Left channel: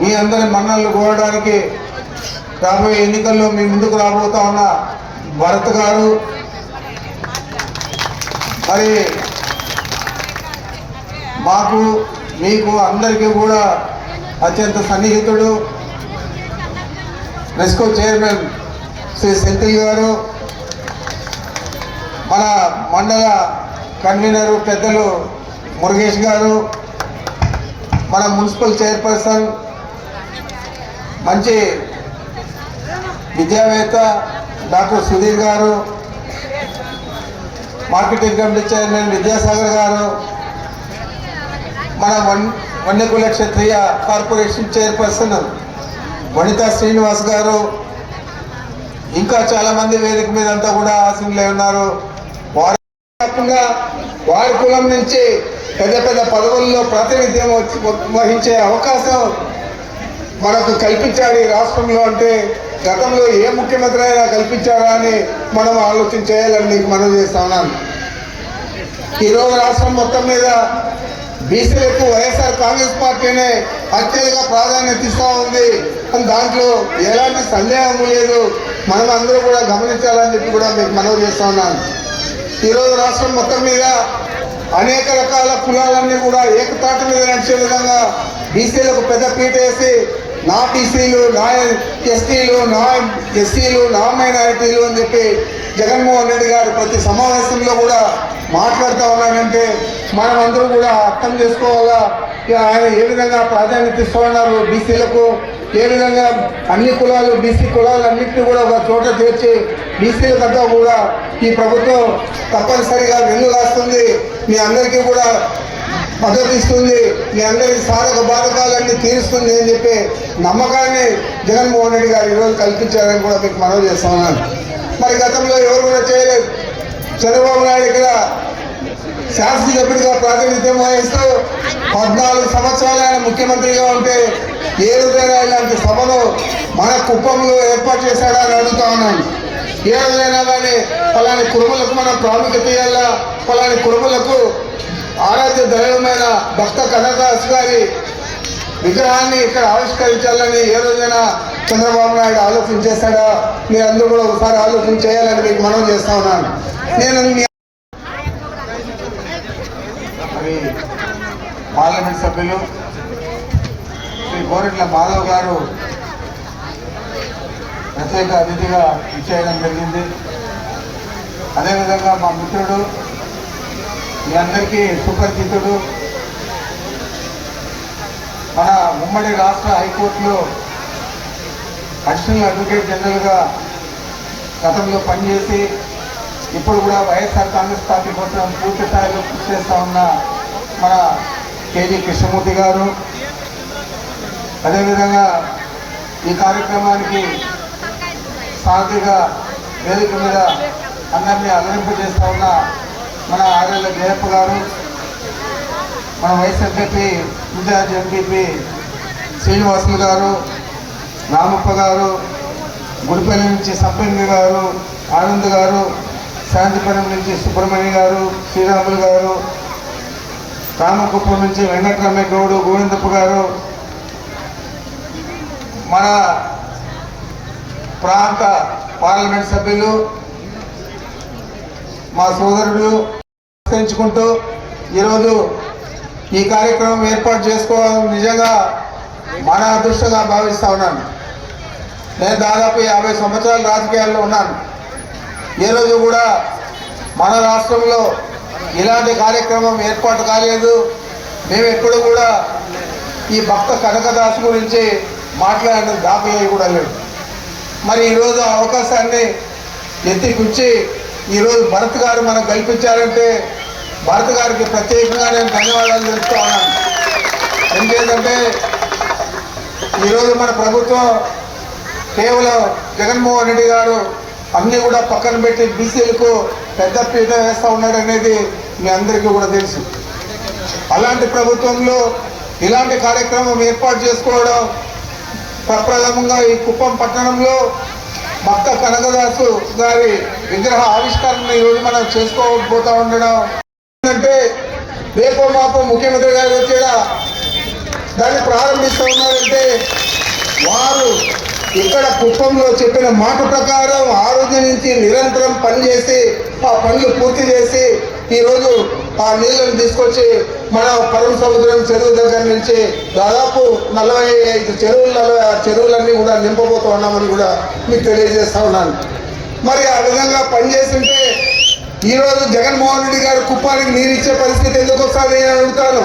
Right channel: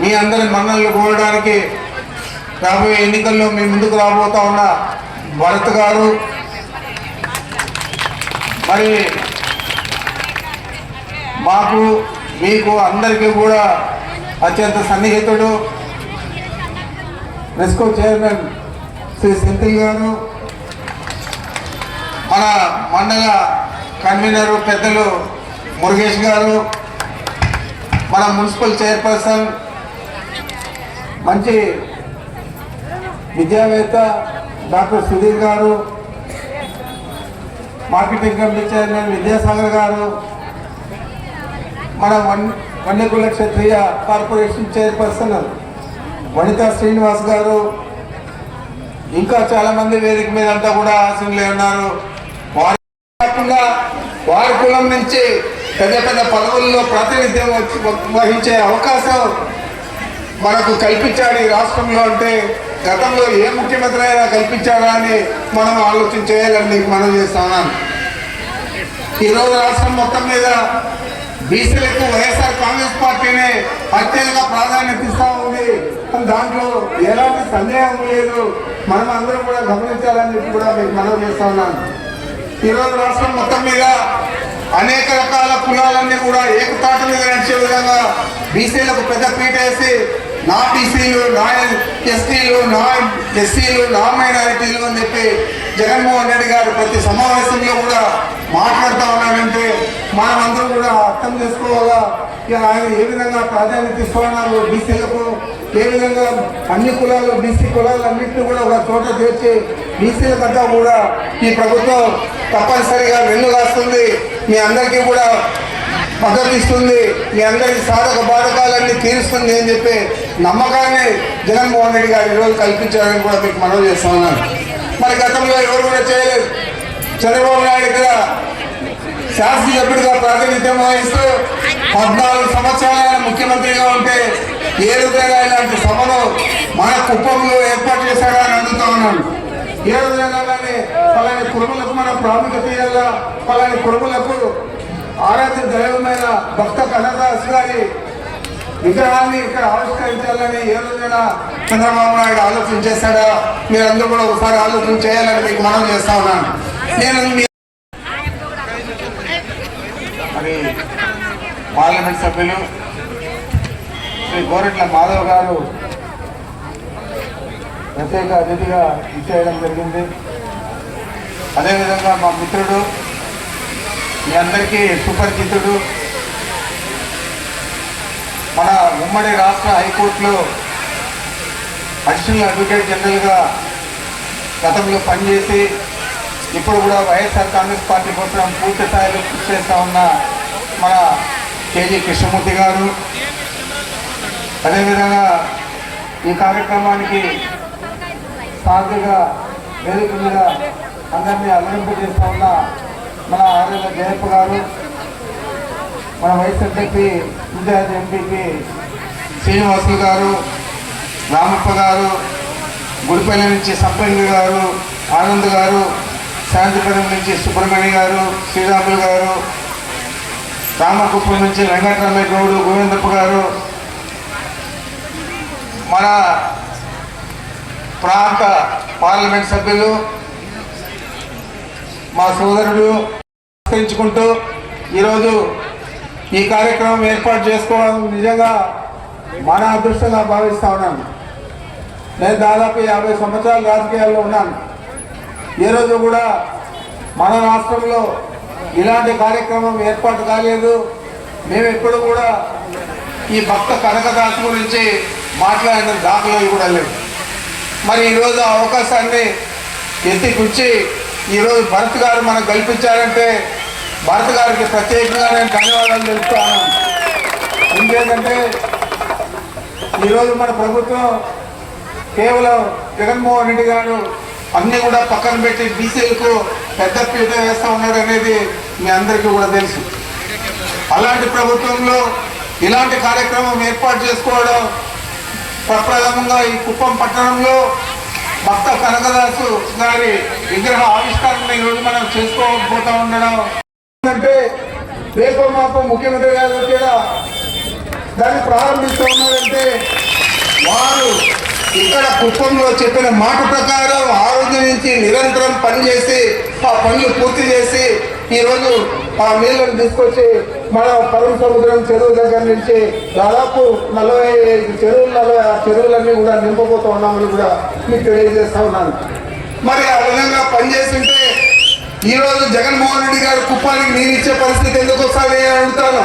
మీ అందరి మన్నలు కోరడానికి రాబోయే ఎన్నికల్లో మీ ముందుకు రాబోతా ఉన్న భరత్ గారు మరి మాకు మీకు అందరికీ కూడా అత్యంత సన్నిహితుడు నెస్కో చైర్మన్ శ్రీ సెంత్రి గారు మన మండల కన్వీనరు పెద్దలు మురుగేష్ గారు మన మున్సిపల్ చైర్పర్సన్ మంచి విద్యావేత్త డాక్టర్ సుధీర్ గారు మార్కెటింగ్ కమిటీ చైర్మన్ విద్యాసాగర్ గారు మన వన్యకుల క్షత్రియ కార్పొరేషన్ చైర్పర్సన్ వనితా శ్రీనివాస్ గారు ఇంకా చాలామంది వేదిక మీద అంతా కూడా ఆశంలో ఉన్నారు కాకుండా వారి కులం నుంచి పెద్ద పెద్ద పదవుల్లో ప్రాతినిధ్యం వహించే అవకాశం మనకు కల్పించాడు ఈ రాష్ట్రంలో అంటే గతంలో ఏ ముఖ్యమంత్రి అయినా కల్పించారా అని మనం ఆలోచన చేయాలని మనం చేస్తున్నాను ఈరోజు రాష్ట్రం మొత్తం మీద బీసీలకు వైఎస్ఆర్ కాంగ్రెస్ పార్టీనే అత్యధిక ప్రాధాన్యత ఇస్తూ ఉంది దాంట్లో ఎలాంటి సందేహం లేదు మనం అందరూ కూడా గమనించాలని చెప్పి కూడా మీకు మనవి చేస్తున్నాను ఈరోజు రాష్ట్రం మొత్తం మీద అనేక రకాల కులాలన్నీ కూడా ఏకపాటు మీద నడిచే విధంగా బీసీలకు పెద్ద పీట వేసి నా బీసీలు నా ఎస్టీలు నా ఎస్సీలు నా మైనారిటీలు అని చెప్పి జగన్మోహన్ రెడ్డి గారు ప్రతి సమావేశంలో కూడా మాట్లాడుతూ ఉన్నారంటే మనమందరూ కూడా అర్థం చేసుకోవాలా ఆయన ఏ విధంగా ప్రాధాన్యత ఇస్తున్నారు బీసీలకు ఏ విధంగా అన్ని కులాలు బీసీ కులాలు అన్నింటినీ కూడా ఒక చోట చేర్చి బీసీల దగ్గర కూడా ఈ ప్రభుత్వం తప్పనిసరిగా వెన్ను రాస్తుంది మీ అందరికీ కూడా ప్రదర్శిస్తుంది మీ అందరి సాధక బాధకాలన్నీ తీరుస్తుంది అని చెప్పి నమ్మకాన్ని జగన్మోహన్ రెడ్డి గారు ఈరోజు కల్పించారని కూడా మీకు మనవి చేస్తా ఉన్నాను మరి గతంలో ఎవరు కూడా చేయలేదు చంద్రబాబు నాయుడు ఇక్కడ సభ్యుడిగా ప్రాతినిధ్యం వహిస్తూ పద్నాలుగు సంవత్సరాలు ఆయన ముఖ్యమంత్రిగా ఉంటే ఏ విధంగా ఇలాంటి సభలు మన కుప్పంలో ఏర్పాటు చేశారా అని అడుగుతా ఉన్నాను ఏ విధంగా పలాని కురుములకు మనం ప్రాముఖ్యత ఇవ్వాలా పలాని కురుములకు ఆరాధ్య దైవమైన భక్త కనకదాస్ గారి విగ్రహాన్ని ఇక్కడ ఆవిష్కరించాలని ఏ రోజున చంద్రబాబు నాయుడు ఆలోచన చేశాడా మీరు అందరూ కూడా ఒకసారి ఆలోచన చేయాలని మీకు మనం చేస్తా ఉన్నాను నేను పార్లమెంట్ సభ్యులు శ్రీ గోరెట్ల మాధవ్ గారు ప్రత్యేక అతిథిగా ఇచ్చేయడం జరిగింది అదేవిధంగా మా మిత్రుడు మీ అందరికీ సుపరిచితుడు మన ఉమ్మడి రాష్ట్ర హైకోర్టులో అడిషనల్ అడ్వకేట్ జనరల్గా గతంలో పనిచేసి ఇప్పుడు కూడా వైఎస్ఆర్ కాంగ్రెస్ పార్టీ కోసం పూర్తి స్థాయిలో కృషి చేస్తూ ఉన్న మన కేజీ కృష్ణమూర్తి గారు అదేవిధంగా ఈ కార్యక్రమానికి సాధిగా వేదిక మీద అందరినీ అలరింపు చేస్తా ఉన్న మా ఆర్ఎల్ జయప్ప గారు మా vice MPP incharge MPP Srinivasulu గారు రామప్ప గారు గుడిపల్లి నుంచి సబ్బండి గారు ఆనంద్ గారు శాంతిపురం నుంచి సుబ్రహ్మణ్య గారు శ్రీరాములు గారు రామకుప్పం నుంచి వెంకటరమణ గౌడు గోవిందప్ప గారు మన ప్రాంత పార్లమెంట్ సభ్యులు మా సోదరుడు పెంచుకుంటూ ఈరోజు ఈ కార్యక్రమం ఏర్పాటు చేసుకోవాలని నిజంగా మన అదృష్టంగా భావిస్తూ ఉన్నాను నేను దాదాపు యాభై సంవత్సరాలు రాజకీయాల్లో ఉన్నాను ఈరోజు రోజు కూడా మన రాష్ట్రంలో ఇలాంటి కార్యక్రమం ఏర్పాటు కాలేదు మేము ఎప్పుడు కూడా ఈ భక్త కనకదాస్ గురించి మాట్లాడిన దాఖలు కూడా లేదు మరి ఈరోజు అవకాశాన్ని ఎత్తిపుచ్చి ఈరోజు భరత్ గారు మనకు కల్పించారంటే భారత గారికి ప్రత్యేకంగా నేను ధన్యవాదాలు తెలుపుతూ ఉన్నాను ఎందుకంటే ఈరోజు మన ప్రభుత్వం కేవలం జగన్మోహన్ రెడ్డి గారు అన్నీ కూడా పక్కన పెట్టి బీసీలకు పెద్ద పీట వేస్తూ ఉన్నాడు అనేది మీ అందరికీ కూడా తెలుసు అలాంటి ప్రభుత్వంలో ఇలాంటి కార్యక్రమం ఏర్పాటు చేసుకోవడం ప్రప్రథమంగా ఈ కుప్పం పట్టణంలో భక్త కనకదాసు గారి విగ్రహ ఆవిష్కరణ ఈరోజు మనం చేసుకోకపోతూ ఉండడం అంటే రేపో మాపో ముఖ్యమంత్రి గారు వచ్చేలా దాన్ని ప్రారంభిస్తూ ఉన్నారంటే వారు ఇక్కడ కుటుంబంలో చెప్పిన మాట ప్రకారం ఆరోగ్య నుంచి నిరంతరం పనిచేసి ఆ పనులు పూర్తి చేసి ఈరోజు ఆ నీళ్ళను తీసుకొచ్చి మన పరమ సముద్రం చెరువు దగ్గర నుంచి దాదాపు నలభై ఐదు చెరువులలో ఆ చెరువులన్నీ కూడా నింపబోతూ ఉన్నామని కూడా మీకు తెలియజేస్తా ఉన్నాను మరి ఆ విధంగా పనిచేసింటే ఈరోజు జగన్మోహన్ రెడ్డి గారు కుప్పానికి నీరు ఇచ్చే పరిస్థితి ఎందుకు వస్తుంది అడుగుతాను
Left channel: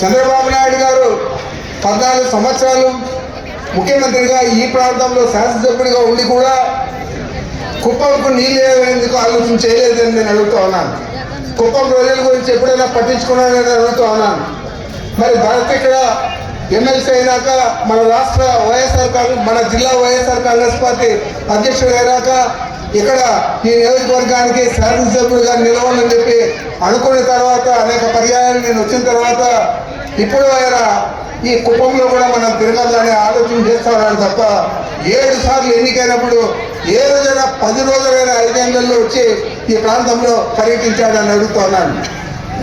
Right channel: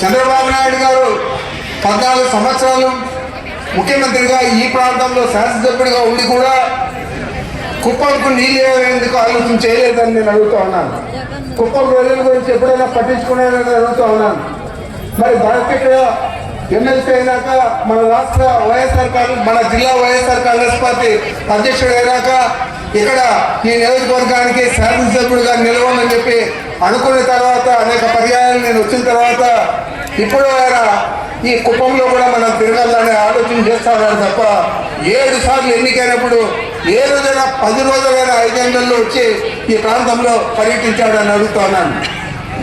చంద్రబాబు నాయుడు గారు పద్నాలుగు సంవత్సరాలు ముఖ్యమంత్రిగా ఈ ప్రాంతంలో శాసనసభ్యుడిగా ఉండి కూడా కుప్పంకు నీళ్ళు ఎందుకు ఆలోచన చేయలేదని నేను అడుగుతా ఉన్నాను కుప్పం ప్రజల గురించి ఎప్పుడైనా పట్టించుకున్నాడని అడుగుతా ఉన్నాను మరి భారత ఎమ్మెల్సీ అయినాక మన రాష్ట్ర వైఎస్ఆర్ కాంగ్రెస్ మన జిల్లా వైఎస్ఆర్ కాంగ్రెస్ పార్టీ అధ్యక్షుడు అయినాక ఇక్కడ ఈ నియోజకవర్గానికి శాసనసభ్యుడిగా నిలవని చెప్పి అనుకున్న తర్వాత అనేక పర్యాయాలు నేను వచ్చిన తర్వాత ఇప్పుడు ఈ కుటుంబంలో కూడా మనం తిరగాలనే ఆలోచన చేస్తామని తప్ప ఏడు సార్లు ఎన్నికైనప్పుడు ఏ రోజైనా పది రోజులైనా ఐదు వచ్చి ఈ ప్రాంతంలో పర్యటించాడని అడుగుతున్నాను